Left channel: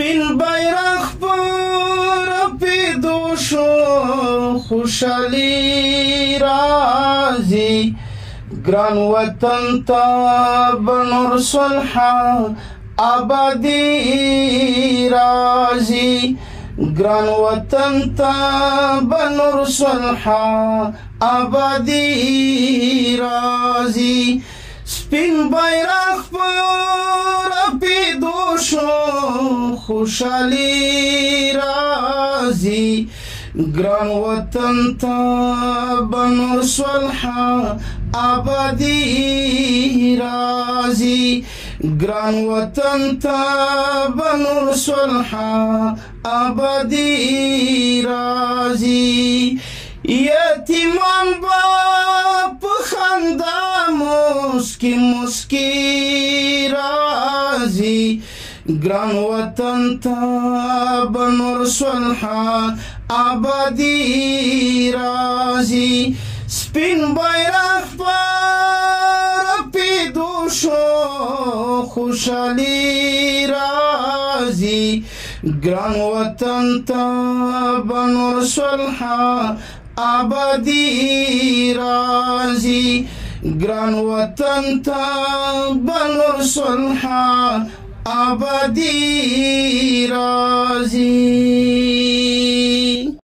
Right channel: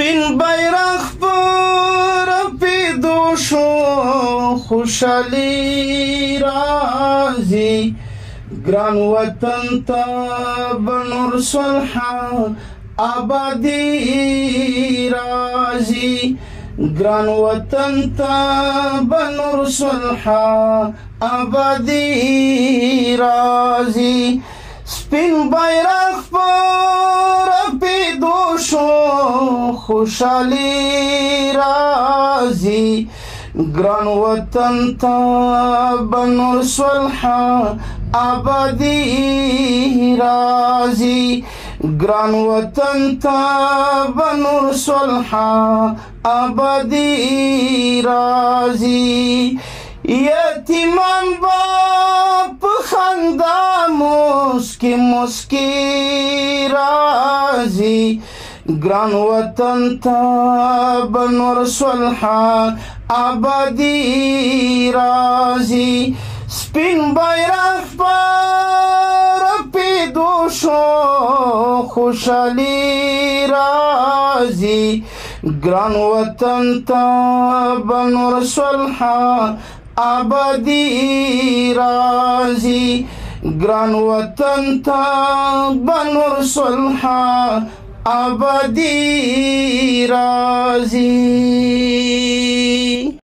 سپین بیرغ پر پیدو شو خوشحالی راځي ګران وطن ته به نور صلح آبادي راځي ګران وطن ته به نور صلح آبادي راځي سپین بیرغ پر پیدو شو خوشحالی راځي ګران وطن ته به نور صلح آبادي راځي ګران وطن ته به نور صلح آبادي راځي یتیمان به په خندا مسکی مسکی راځي ګران وطن ته به نور صلح آبادي راځي سپین بیرغ پر پیدو شو خوشحالی راځي ګران وطن ته به نور صلح آبادي راځي ګران وطن ته به نور صلح آبادي راځي